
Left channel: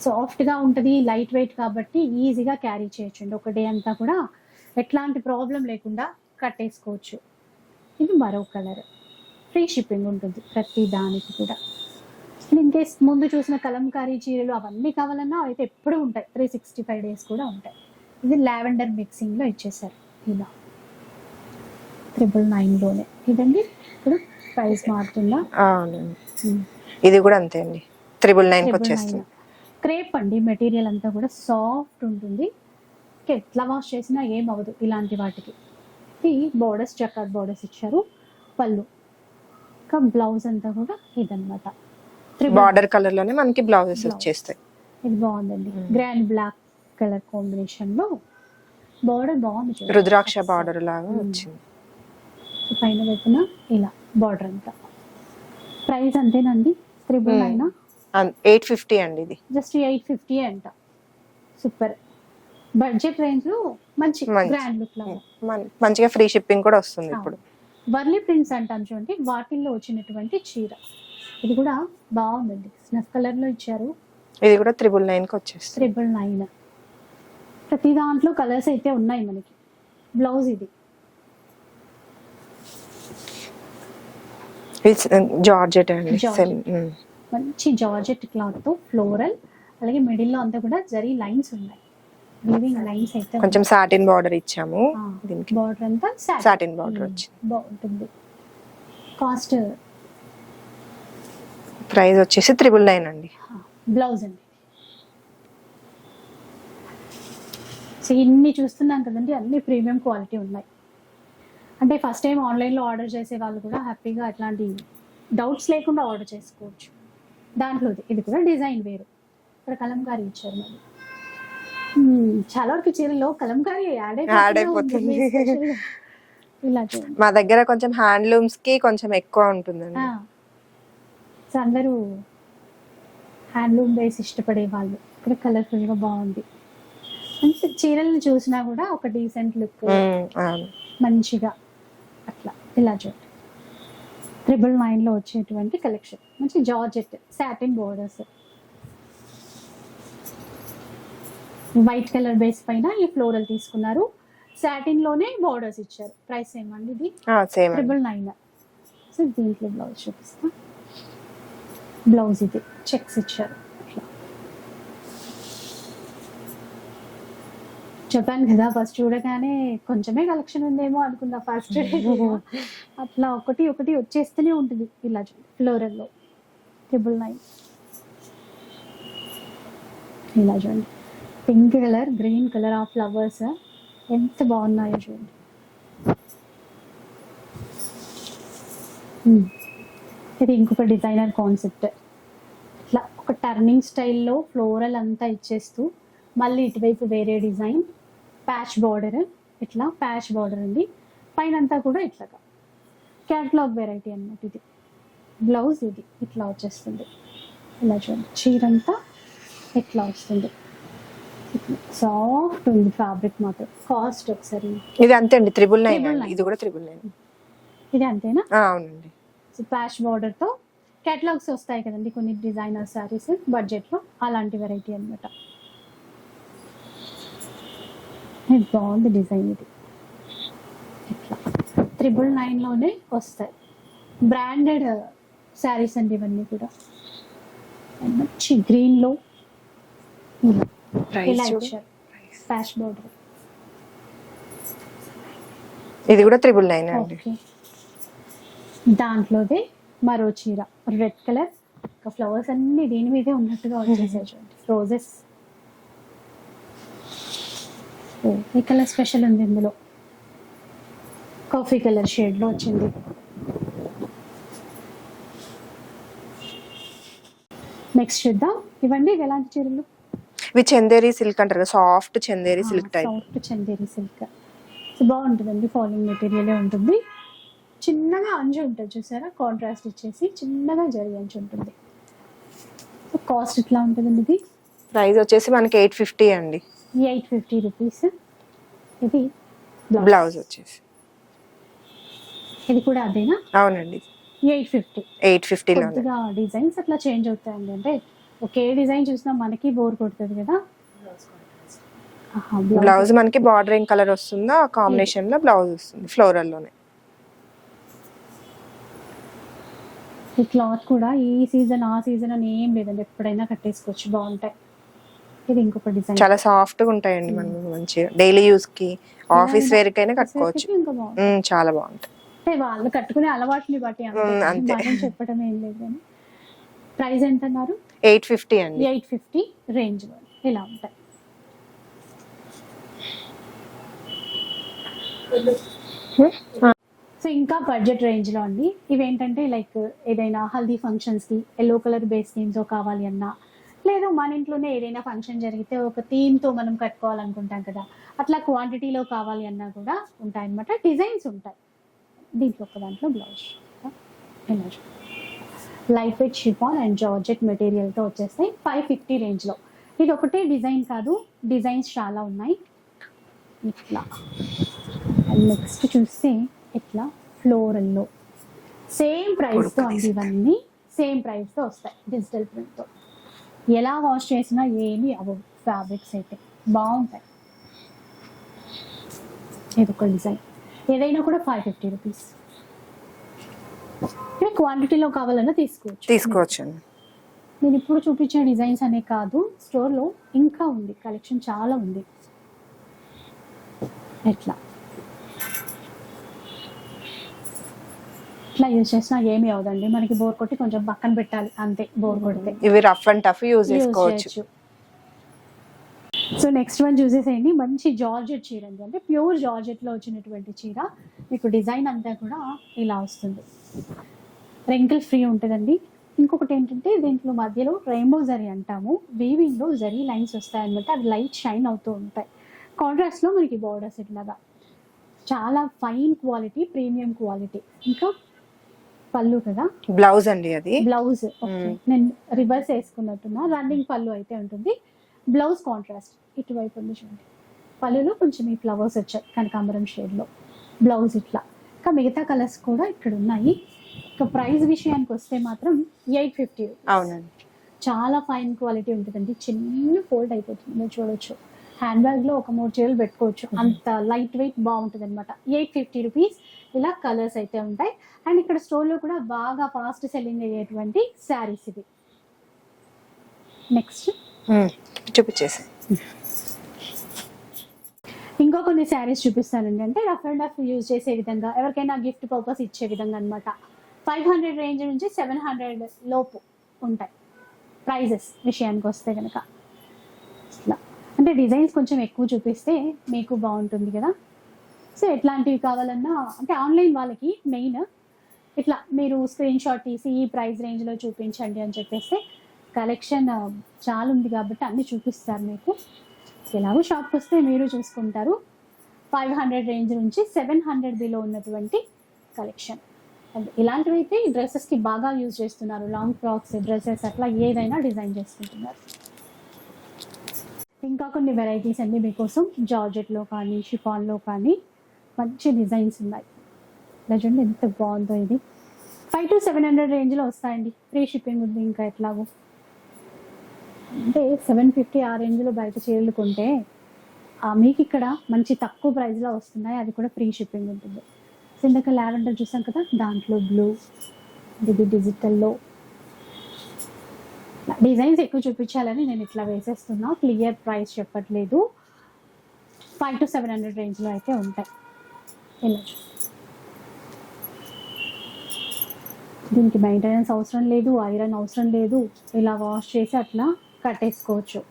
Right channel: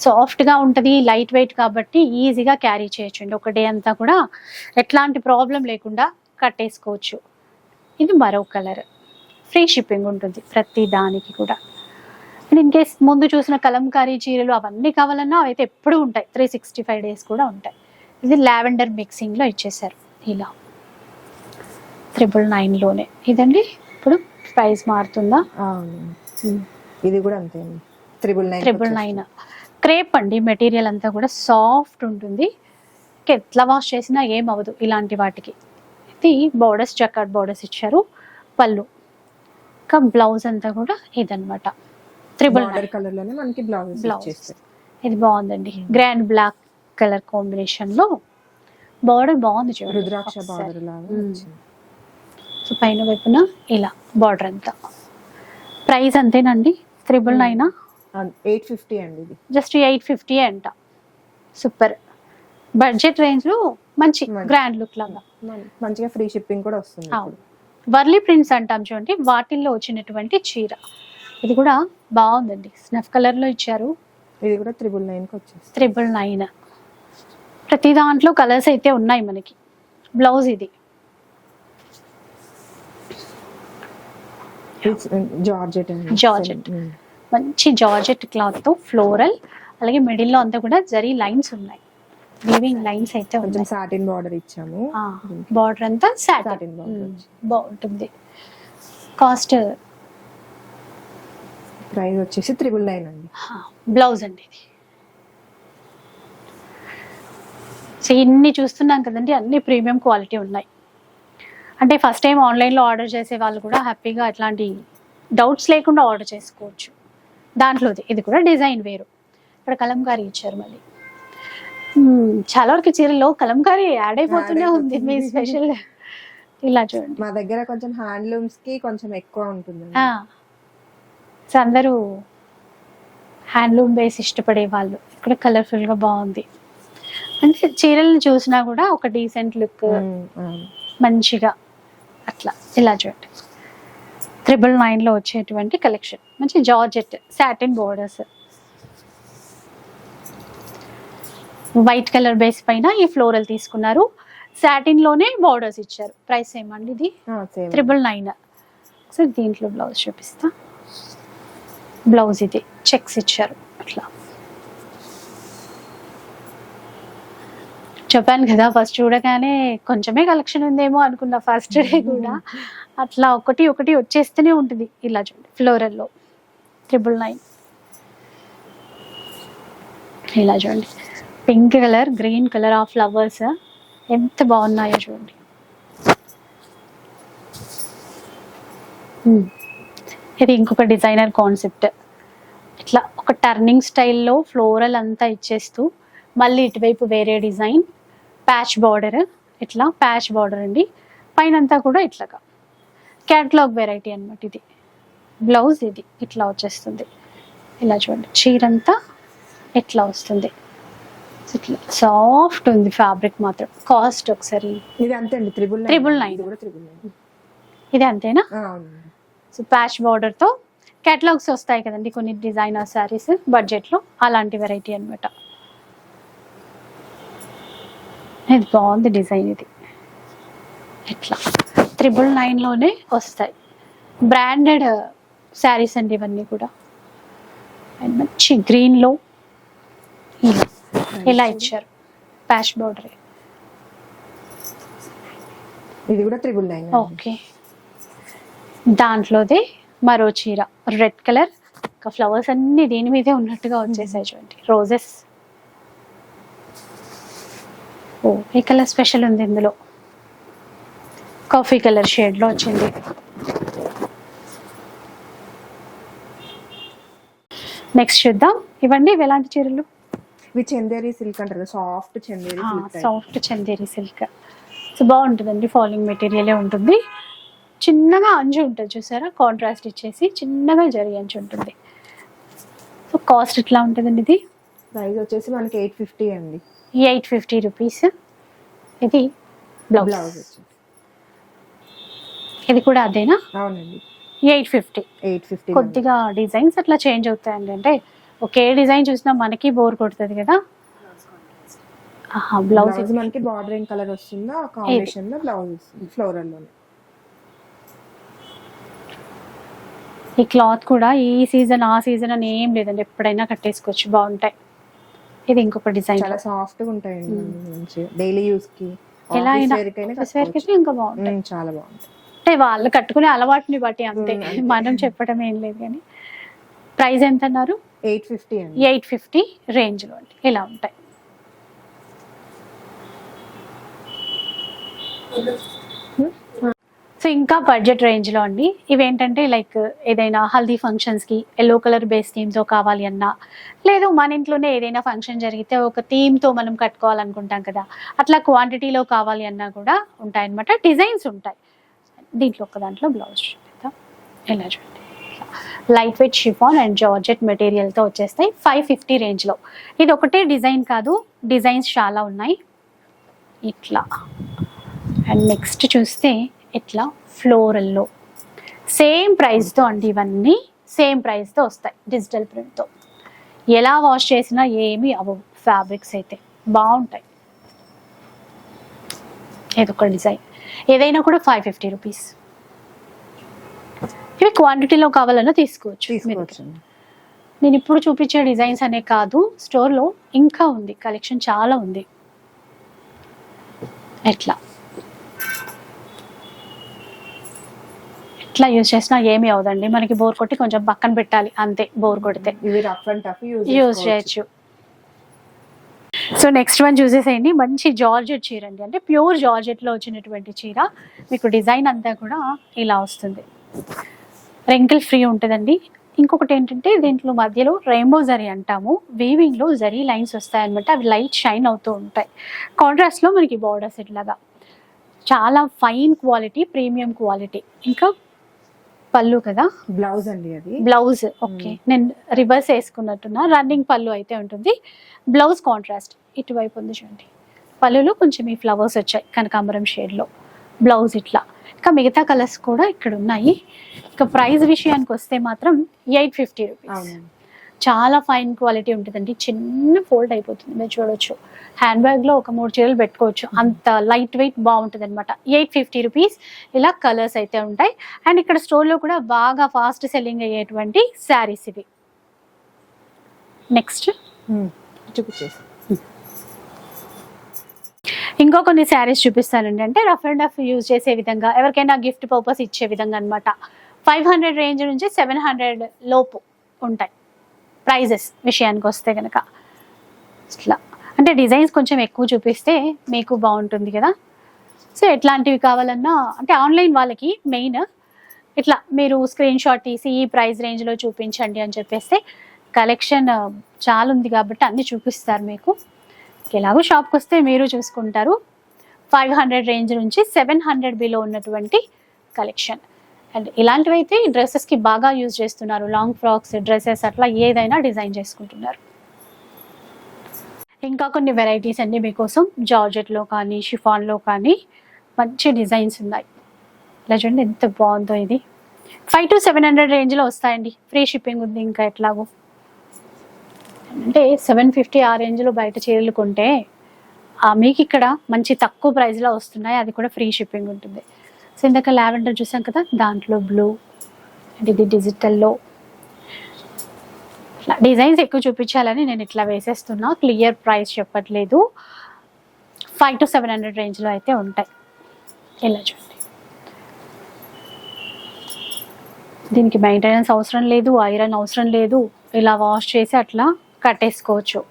సాఫ్ట్గా ఉంటుంది లైట్ వెయిట్ కాబట్టి ఈజీగా క్యారీ చేయొచ్చండి. ఒక డే అంతా కూడా ఎట్లాంటి ప్రాబ్లం లేకుండా కట్టేసుకోవచ్చు. ఇది మరో కలర్. ఫ్రీ షిప్పింగ్ ఉంటుంది ప్రతి దానికి కూడా. ఇన్ కేస్ ముందు చూసిన కలంకారీ చీరలు అవన్నీ కావాలన్నా అవైతే ఎప్పుడూ ఉంటాయి. త్రీ సిక్స్టీ ఫైవ్ డేస్ కూడా ఉంటాయి. ఇది లావెండర్ మిక్సింగ్లో ఇచ్చేసారు ఇలా. త్రిబుల్ నైన్లోనే ఇదండి? ఇప్పుడు ప్రైస్ మారుతుందా? ఇది కూడా అంతే అండి. Triple nine triple nine. Crepe అండి మెటీరియల్ అంతా కూడా సాఫ్ట్ ఉంటుంది. ఎట్లా వాష్ చేసినా ఏం అవ్వదు ఇలాంటి వాటికి. ఇది బోర్డర్స్ చక్కట్ బోర్డర్స్ ఇచ్చారు. పళ్ళు. ఇంకా బ్లౌజ్ అంతా కూడా ఇదన్నమాట. త్రిబుల్ బార్డర్ కలర్లోనే మనకి బ్లౌజెస్. వచ్చేస్తాయి. ఇది బాగుందండి. Hmm. గ్రాండ్ బ్లాక్ కలర్ కాంబినేషన్లో బార్డర్ బాగుంది చూడండి. రుద్రాక్ష. బార్డర్ లాగా Hmm. వచ్చింది. సో పైన వైపున ఇలా బార్డర్ అంతా. ప్రైస్ అంతేనండి. Triple Hmm. Nine eight fifty అండి ఇది. జస్ట్ ఎయిట్ ఫిఫ్టీ అంట. సూపర్. బడ్జెట్ రేంజ్లో మంచి. గ్రాండ్ లుక్ లాగా. మంచిగా ఫ్రీ షిప్పింగ్ కూడా వస్తుంది. ఇప్పుడు. వర్లీ ప్రింట్స్ అంటాం చూడండి వాటిల్లో వచ్చినటువంటి చీర. ఇది కూడా బాగుందండి. స్నఫ్ కలర్లో ఇచ్చారు. ఇది కూడా త్రిబుల్ నైన్కి వచ్చేస్తుంది. Triple nine. ప్రతి దాంట్లో కలర్స్ అయితే ఉన్నాయి మనకి. బ్లౌజ్ ఇది. జార్జెట్. Hmm. మంచి జార్జెట్ క్లాత్తో ఫ్లోరల్ అలాగే మిడిల్లో అంతా కూడా జరీ లైన్స్ ఉన్నాయి. వీవింగ్ లైన్స్ అయితే కొంచెం సాటిన్ బార్డర్ ఇచ్చాము. దీనికి బార్డర్ అంతా border మ్మ్. వచ్చింది. బాగుంటుంది. కాస్ట్ ప్రైస్ వచ్చేసి త్రిబుల్ నైన్ అండి. బ్లౌజ్ అండి ఇది. సో ఇన్ని చూస్తున్నాం కదండి అన్ని ప్రీమియం క్వాలిటీ ఉన్నాయి. అంటే ఫస్ట్ టైం ఆన్లైన్లో ఆర్డర్ చేసే వాళ్ళు కూడా హ్యాపీగా అట్లాంటి డౌట్స్ లేకుండా ఆర్డర్ చేసుకోవచ్చు. దాంట్లోది ఇది కూడా డిజైన్ వేరు. ఇక్కడ కలంకారీ ఇచ్చారు మళ్ళీ చాలా వరకు చీరలో కలంకారీ యాడ్ అయిపోతూనే ఉంది మీ. స్పెషల్ ఇలా చూడండి. మా దగ్గర కొంచెం హ్యాండ్లూమ్స్కి కొంచెం ఎక్కువ. సో అందరూ హ్యాండ్లూమ్ బేస్ ఇష్టపడే వాళ్ళు. ఇక్కడ కలర్ఫుల్గా బాగుంది. అంటే చీరలను చూసినా కూడా ఒక డీసెంట్ లుక్. మంచిగా అట్లా. ఇలా చూడండి. త్రిబుల్ నైన్లో వచ్చేటువంటి కలెక్షన్ మంచి georgette satin borders white colour base పైన ఈ ఫ్లోరల్ తీసుకున్నారు. సాటిన్లోనే బోర్డర్స్ ఇచ్చారు. ప్రైస్ ఏమండి ఇది? త్రిబుల్ నైన్ సో దీంట్లో బ్లౌజ్ చూపిస్తా. బ్లౌజ్ ఇది. చెక్స్ ఇచ్చారు. అట్లా. చెప్పాను కదా ఫస్ట్ చూడగానే కొంచెమే కలెక్షన్ ఉందేమో అనుకున్నా ఫస్ట్ డే కూడా. అట్లా ఒకటి ఒకటి వచ్చేస్తూనే ఉంటుంది ఇలా చూడండి ఫ్లోరల్లో ట్రిపుల్ నైన్ ఇలా చూడండి. Pink colour green colour of flowers ఎంత బాగున్నాయో చూడండి. మ్మ్. ఇది ఇంకొక డిజైనర్ కాన్సెప్ట్ ఇట్లా ఒక టర్నింగ్ స్టైల్లో ఫ్లోరల్ అంతా ఇచ్చేస్తూ మళ్ళీ ఇటువైపు వేరే డిజైన్ ప్యాచ్ బార్డర్ ఇట్లా ప్యాచ్ బార్డర్ అండి. పైన అంతా కూడా ఇట్లాగా. క్యాట్లాగ్ వెరైటీ అన్నమాట ఇది. బ్లౌజ్ ఇది. ఇట్లా వచ్చేస్తుంది. ఇలా చూడండి. చీర అంతా ఇట్లా వస్తుంది. ఇట్లా సాఫ్ట్ ఉంది ఫ్యాబ్రిక్ మాత్రం. కాస్ట్ ఒకసారి. ఇది అంతే అండి త్రిబుల్ నైన్ అండి. nine. ఇది కూడా త్రిబుల్ నైన్ ఇది అంతేనా? అవునండి. సో ప్యాచ్ బార్డర్తో కేటలాగ్స్ వస్తాయి కదండి కొన్ని డిజైనర్ శారీస్ బడ్జెట్లో అలాంటి వెరైటీ అన్నమాట. ఇది బాగుంది డిజైన్ ఇది. ఇట్లా త్రిబుల్ నైన్లోనే వస్తాయి. బ్రాండెడ్ శారీస్ అండి ఇవన్నీ కూడా. అండ్ మంచి గ్రీన్లో ఇలా. ఇచ్చారు. ప్యాచ్ బార్డర్ ఇది కూడా త్రిబుల్ నైన్ ఓకే దాంట్లోదే మరో చీర. రెడ్ కలర్ ఫ్లవర్స్ అన్ని దీని మీదే ఉన్నట్టుగా వచ్చేసాయి చూడండి. రోజెస్ ఓ ఈ కలర్ స్పెషల్ ఉంది ఇందులో? కాఫీ కలర్ షేడ్లో వచ్చింది. నెక్స్ట్ చూద్దాం. ఇవ్వండి ఇవి ఎలాంటి చీరలు? ఇవి చందేరి సిల్క్ అంటారు కదా soft Chanderi silk type. Soft Chanderi silk. So బాగుంటుందండి ఫాలింగ్ మెటీరియలే ఉంటుంది. చిన్నగా అంచు ఉంటుంది చూసారా? కాంట్రాస్ట్ ఇచ్చేసి చిన్నగా జరి అంచు ఉంటుంది. సో కాస్ట్ ఎట్లా ఉంటుందండి ఇది? ప్రైస్ వచ్చేసి మనకి ఎయిట్ ఫిఫ్టీ అండి. Eight fifty rupees. ఇది బ్లౌజ్. వచ్చేసి. ఇది కూడా అదేనా? అవునండి. Eight fifty. ఎయిట్ ఫిఫ్టీ కొద్దిగా డిజైన్స్ అట్లా చేంజ్ అవుతాయండి. అంటే ఒకే డిజైన్ చూసినా మనకి బోర్ కొడుతుంది కదా? బ్లౌజ్. మనకి బార్డరింగ్ కలర్ వస్తుందో? ఆ కాంబినేషన్లో బ్లౌజ్ వస్తుంది ఫ్లోరల్లోనే. ఈ క్లాత్ కూడా ఈ సీజన్ ఆ సీజన్ అని ఏం లేదండి. ఎప్పుడైనా కట్టేసుకోవచ్చు బాగుంటాయి. ఇది ఇంకొక డిజైన్. చాలా సాఫ్ట్గా ఉంటాయండి మనకి మంచిగా డైలీ యూస్కి ఆఫీస్ వేర్ కైనా కట్టుకోవచ్చు. ఇంకా బాగుంటాయి. ఉమ్, చాలా బాగుంటాయి. అంటే వాళ్ళు కట్టుకునే అలవాటుని బట్టి అంతే. మనం చెప్పడం ఏం లేదు కానీ. ప్రైస్ ఎంత అన్నారు? ఎయిట్ ఫిఫ్టీ అండి. ఎయిట్ ఫిఫ్టీ రేంజ్లో అండి. ఇలా ఉంటాయి. సో ఇంకా బడ్జెట్ రేంజ్లో అండి. ఇవేంటంటే లైక్ ఏదైనా హల్దీ ఫంక్షన్స్కి ఎల్లో కలర్ బేస్ థీమ్తో కావాలి అన్నా లేదు మన ఇంట్లోనే ఏదైనా ఫంక్షన్ జరిగితే ఒక థీమ్తో మనం కట్టుకోవాలనుకుంటాం కదా అట్లా క్వాంటిటీలో కావాలి అన్నా కూడా ఉంటాయన్నమాట. డిజైన్స్ ఉంటాయి. దీంట్లో ఒక దాంట్లో బ్లౌజ్ ఎలా చూడండి. Light weight chiffon and georgette మెటీరియల్తో వచ్చేస్తాయి. ఫైవ్ ఫిఫ్టీ రేంజ్లో ఇది ఒకటే డిజైన్ కాదు డిజైన్స్ చాలా ఉన్నాయి. ఇట్లా. అండ్ నెక్స్ట్ చూస్తే ఇట్లా ఫ్లోరల్లో. సేమ్ ప్రైస్తో అండి ఇవన్నీ. సేమ్ ప్రైస్తో వస్తాయి డిజిటల్ ప్రింట్తో. ఎలా వాష్ చేసినా ఏమీ అవ్వవు ఫ్యాబ్రిక్స్ అయితే. బాగుంటాయి. ఇదొక డిజైన్. ఏదైనా కూడా ఫైవ్ ఫిఫ్టీ రూపీస్. ఇవి క్వాంటిటీలో కావాలన్నా తీసుకోవచ్చు. తీసుకోవచ్చు నేను ఇప్పుడు చూపించే డిజైన్స్ అనే కాదు స్టోర్లో ఇంకా ఉంది కలెక్షన్ చాలా ఉంది. ఎట్లా? ఎట్లా యూజ్ చేసినా ఏమీ అవదండి. మనకి బోర్ కొట్టి కొంచెం పక్కన పెట్టాలి. అంతే బోర్ కొడితే. ఇవి rough and tough use use చేయొచ్చు. సో నెక్స్ట్ వన్ చూసేసేయండి. మంచి జార్జెట్ చీర అండి. అంటే ప్యూర్ జార్జెట్లో వచ్చినటువంటి చీర. మీకు డిజైన్ అంతా కూడా ఇలా వస్తుంది. రెంకిల్ ఫ్రీ ఉంటుందండి. ఇంకొకటి ఏంటంటే దీంట్లో మధ్యలో రెయిన్బో జరీ అంటాము. వీవింగ్లో జరీ లైన్స్ వస్తాయన్నమాట. అవి లైట్ షైన్ అవుతూ ఉంటాయి. కాంట్రాస్ట్లో మనకి బార్డర్స్ ఇట్లాగా చాలా ఫైన్ క్వాలిటీ ప్రీమియం క్వాలిటీ ఇంకా పళ్ళు కదా? బ్లౌజ్ అండి అది. బ్లౌజ్ ఓకే నేను రివర్స్ వేసుకున్నట్టున్నా. రన్నింగ్ పళ్ళు అయితే ఉంటుంది. బ్లౌజ్ కాంట్రాస్ట్ ఇటువైపు ఉంది చూడండి. పళ్ళులో కొంచెం ఈ ఫ్లవర్స్ వచ్చాయి. కనకాంబరం షేడ్లో బ్లౌజ్ ఇట్లా. ఇంకా మిగతా కలర్స్ కూడా ఇక్కడ ఉన్నాయి. ఇంకా ప్రైస్ విషయానికి వస్తే మాత్రం ఎయిట్ ఫిఫ్టీ అవునండి. చాలా ఫైన్ క్వాలిటీ ఉంటుందండి. చిన్న ఫోల్డ్ అయిపోతుంది. మీరు చూడొచ్చు. హ్యాండ్ బ్యాగ్లో ఒక మూడు చీరలు పెట్టుకోవచ్చు. అంత లైట్ వెయిట్ బాగుంటుంది అనమాట ఎయిట్ ఫిఫ్టీ రూపీస్ ఇలా కలర్స్ అయితే ఉంటాయి. అండ్ ఇక్కడ స్టోర్లో కూడా బాగా ఫాస్ట్ సెల్లింగ్ అయ్యేటువంటి శారీస్ ఇవి. నెక్స్ట్ చూపించేసి ఇంకో కొన్ని శారీస్ చూపిస్తానండి అంటే రఫ్ అండ్ రఫ్ యూజ్ చేసే విధంగా ఎవరికైనా గిఫ్ట్ పర్పస్ ఇచ్చే విధంగా అనమాట ఫైవ్ హండ్రెడ్ రేంజ్ నుంచి సెవెన్ హండ్రెడ్ లోపు ఉంటాయి. ప్రైజెస్ విషయానికి వస్తే కనుక ఇట్లా. అంటే డిజైన్స్ కొంచెం ఎక్కువ చూపిస్తే మీకు బాగుంటుంది కదా. సో ఎట్లాంటివి కావాలన్నా అంటే ఆన్లైన్ వాళ్ళకి మెయిన్ ఇట్లా మీరు స్క్రీన్ షాట్ తీసి ఈ ప్రైస్ రేంజ్లో చూపించండి అని చెప్పేస్తే కలెక్షన్ చాలా ఉంది కాబట్టి అన్నీ చూపిస్తారు మీకు. ఎలాగో షాప్కి వస్తే మీరు చూసుకుంటారు. ఫైవ్ హండ్రెడ్ రేంజ్ నుంచి సెవెన్ హండ్రెడ్ బిలో ఉన్నటువంటి కలెక్షన్. అండ్ ఇలాంటివైతే డ్రెస్సెస్కి బాగా యూజ్ చేస్తున్నారు. లాంగ్ ఫ్రాక్స్ డ్రెస్సెస్ అట్లా ఏదైనా డిజైన్ చేసుకుంటున్నారు. ఇంకా కొన్ని వెరైటీస్ అన్ని మీకోసం జార్జెట్లో కానీ షిఫాన్లో కానీ మంచి డిజైన్స్ ఉన్నాయి. ఇలా చూడండి ఎంత బాగుందో ఇది. ఫైవ్ టు సెవెన్ హండ్రెడ్ రేంజ్లో వస్తాయండి. ఫ్రీ షిప్పింగ్ ఉంది ఇంకా ఎట్లాగో. అంటే సెవెన్ ఫిఫ్టీ ఆ రేంజ్లో బయట చీరలు కొంటే ఆ, మీకు ఇక్కడ మంచి తక్కువ ప్రైస్లో వస్తున్నాయి. అది కూడా ఫ్రీ షిప్పింగ్ ఉంటుంది. సో ఇందాక లావెండర్ చూసాం కదా దాంట్లో బ్లూ ఇది డిజిటల్లో ఇట్లా డిజైన్స్ ఎక్కువ చూపించాలని నేను ఇట్లా వేసేస్తున్నా. క్లియర్ ప్రైస్ చెప్పట్లేదు. ఫైవ్ టు సెవెన్ హండ్రెడ్ రేంజ్లో అయితే ఉంటాయి. ఇలా చూడండి. దీనికి మెయింటెనెన్స్ అవసరం లేదు ఐరన్ అవసరం లేదు. ఇలా వాష్ చేసి అట్లా కట్టేసుకోవచ్చు.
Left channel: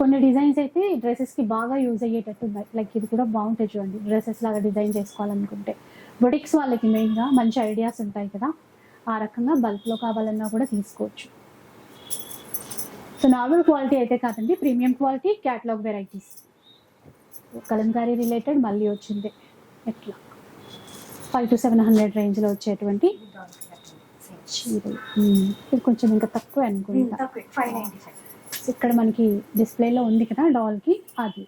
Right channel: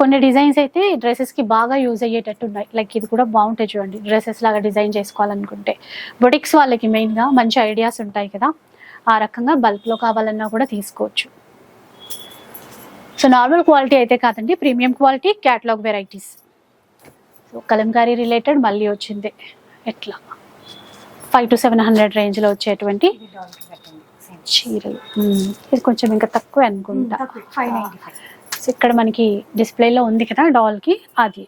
కొన్ని డిజైన్స్ అయితే డ్రెస్సెస్కి బాగా యూజ్ అయ్యేటట్టు ఉన్నాయి. లైక్ ఇది కూడా బాగుంటాయి చూడండి. డ్రెస్సెస్ లాగా డిజైన్ చేసుకోవాలనుకుంటే. బొటిక్స్ వాళ్ళకి మెయిన్గా మంచి ఐడియాస్ ఉంటాయి కదా. ఆ రకంగా బల్క్లో కావాలన్నా కూడా తీసుకోవచ్చు. సో నార్మల్ క్వాలిటీ అయితే కాదండి premium quality catalogue varieties so Kalamkari related మళ్ళీ వచ్చింది. ఎట్లా? ఫైవ్ టు సెవెన్ హండ్రెడ్ రేంజ్లో వచ్చేటువంటి చీరలు. ఇది కొంచెం ఇంకా తక్కువ అనుకుంటా. ఇక్కడ మనకి డిస్ప్లేలో ఉంది కదా డాల్కి అది.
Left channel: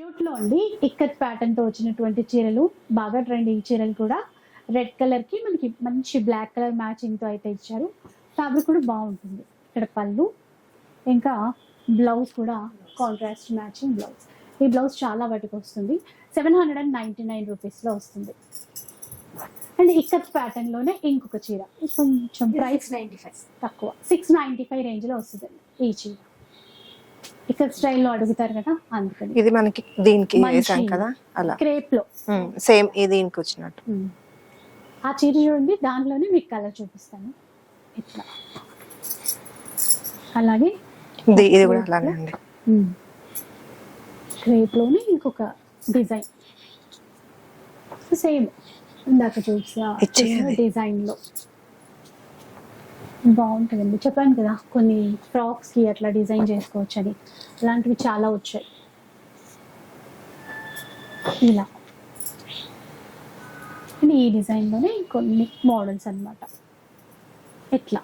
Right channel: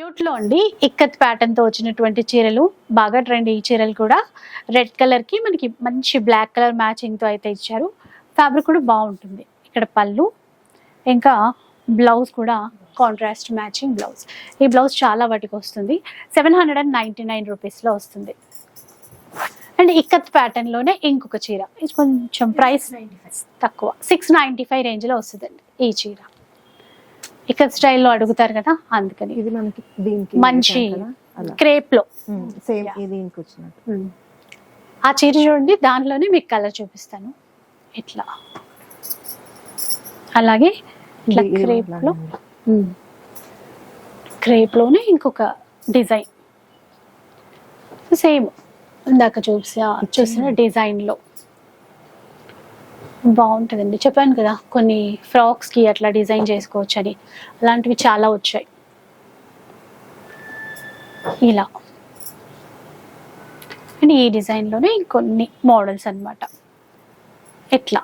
యూట్లో అండి ఇక్కత్ ప్యాటర్న్తో వచ్చినటువంటి చీరలు. బాగా ట్రెండ్ ఈ చీరలు కూడా. రెడ్ కలర్కి మనకి మంచి బ్లాక్ కలర్ మ్యాచింగ్తో అయితే ఇచ్చారు. ఫ్యాబ్రిక్ కూడా బాగుంటుంది. ఇక్కడ పళ్ళు ఇంకా బ్లౌజ్ కూడా కాంట్రాస్ట్ మ్యాచింగ్ బ్లౌజ్ ఈ బ్లౌజ్ చాలా వాటికి వస్తుంది. Seven hundred and ninety nine రూపీస్లో వస్తుంది. అండ్ ఇక్కత్ ప్యాటర్న్లోనే ఇంకొక చీర. ఇది కొంచెం ప్రైస్ తక్కువ. సిక్స్ నైంటీ ఫైవ్ రేంజ్లో వస్తుందండి ఈ చీర. ఇక్కత్ స్టైల్లో అడుగుతారు కదా అందుకని. ఇది మనకి దీనికి మంచి క్రేప్లో సేమ్ దీనికి వచ్చినట్టు. ఆ చీర చూడండి దానిలోనే మీకు కలర్ చూపిస్తాను. ఇట్లా. అలాగే లో, crepe లోనే ఇంకొక డిజైన్ సేమ్ ఇందాక. చూసిన డిజైన్లో బాగుంటుందండి. చెప్పాను కదా కొన్ని ఫ్రాక్స్కి అట్లా డిజైన్ చేసుకోవచ్చు అని అలాంటివి చాలా వచ్చాయి. ఇలా. అండ్ ఈ డిజైన్లోనే ఇంకొన్ని మోడల్స్ అన్నమాట. ఎట్లా?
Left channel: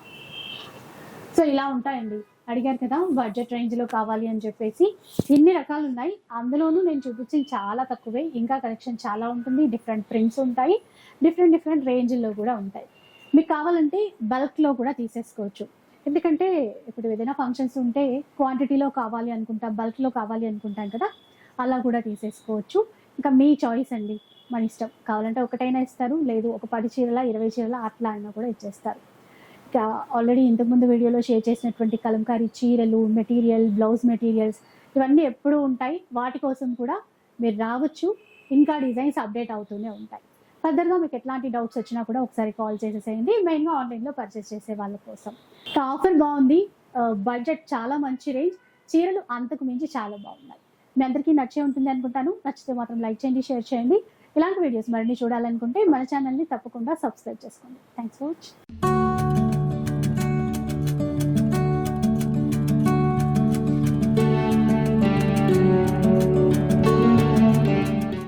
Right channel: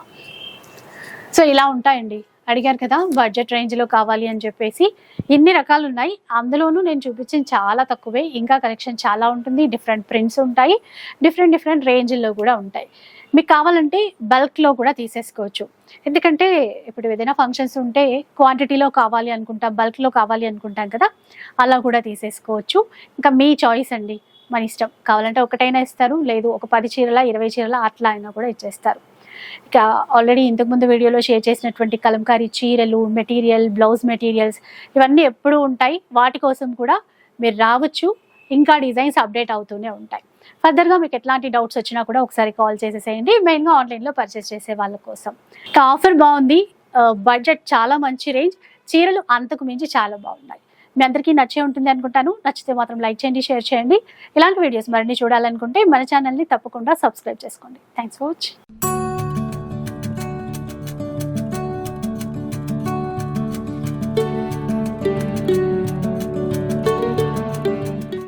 సో ఇలా ఉంటాయండి. అడిగారు కదా బడ్జెట్ రేంజ్లో కావాలి అని చెప్పేసి. ఇన్ని రకాలు ఉన్నాయి అందులోనూ నేను చూపించిన చాలా తక్కువే. ఇంకా కలెక్షన్ చాలా ఉంటుంది. డిఫరెంట్ ప్రింట్స్ ఉంటాయి. డిఫరెంట్ డిఫరెంట్ రేంజ్లో కూడా ఉంటాయి. మీకు కావాలంటే బల్క్లో కూడా తీసేసుకోవచ్చు. ఎందుకంటే ఇప్పుడు ఏదైనా ఫంక్షన్స్ ఉంటే క్వాంటిటీలో కావాలి అనుకుంటాం బల్క్లో కావాలి అనుకుంటాం కదా అలా కూడా తీసేసుకోవచ్చు. ఇంకా మీ చాయిస్ అండి. మన ఇష్టం. కావాలంటే ఒకటైనా ఇస్తారు. లేదు ఒక పది చీరల ఇరవై చీరల అట్లా అయినా కూడా ఇచ్చేస్తారు. ఇక ఆల్రెడీ ఇంతకుముందు వీడియోలో షేర్ చేసినటువంటి కలంకారీ చీరలు మెటీరియల్ బ్లౌజ్ మెటీరియల్స్ ఇవన్నీ ఎప్పుడూ ఉంటాయి. వాటి కోసం కూడా మీరు రావచ్చు. ఇంకా డిజైన్స్ అప్డేట్ అవుతూనే ఉంటాయి. ఫర్దర్గా మీకు ఎట్లాంటి డౌట్స్ వచ్చినా కూడా ఒకసారి కాల్ చేసేసేయండి. మెయిన్గా ఆన్లైన్లో పర్చేస్ చేసే వాళ్ళ కోసం. ఇక ఆఫర్ బాగుంది. బడ్జెట్ చాలా మంచి రేంజ్ చీరలు అంతకు మించి చాలా బాగున్నాయి. మీ అందరికీ నచ్చే ఉంటుంది అనుకుంటాను. నచ్చితే మాత్రం లైక్ చేయండి షేర్ చేయండి. ఇలాంటి వీడియోస్ మరిన్ని చూడాలనుకుంటే మన ఛానల్ని తప్పకుండా సబ్స్క్రైబ్ చేసుకోండి. Thanks for watching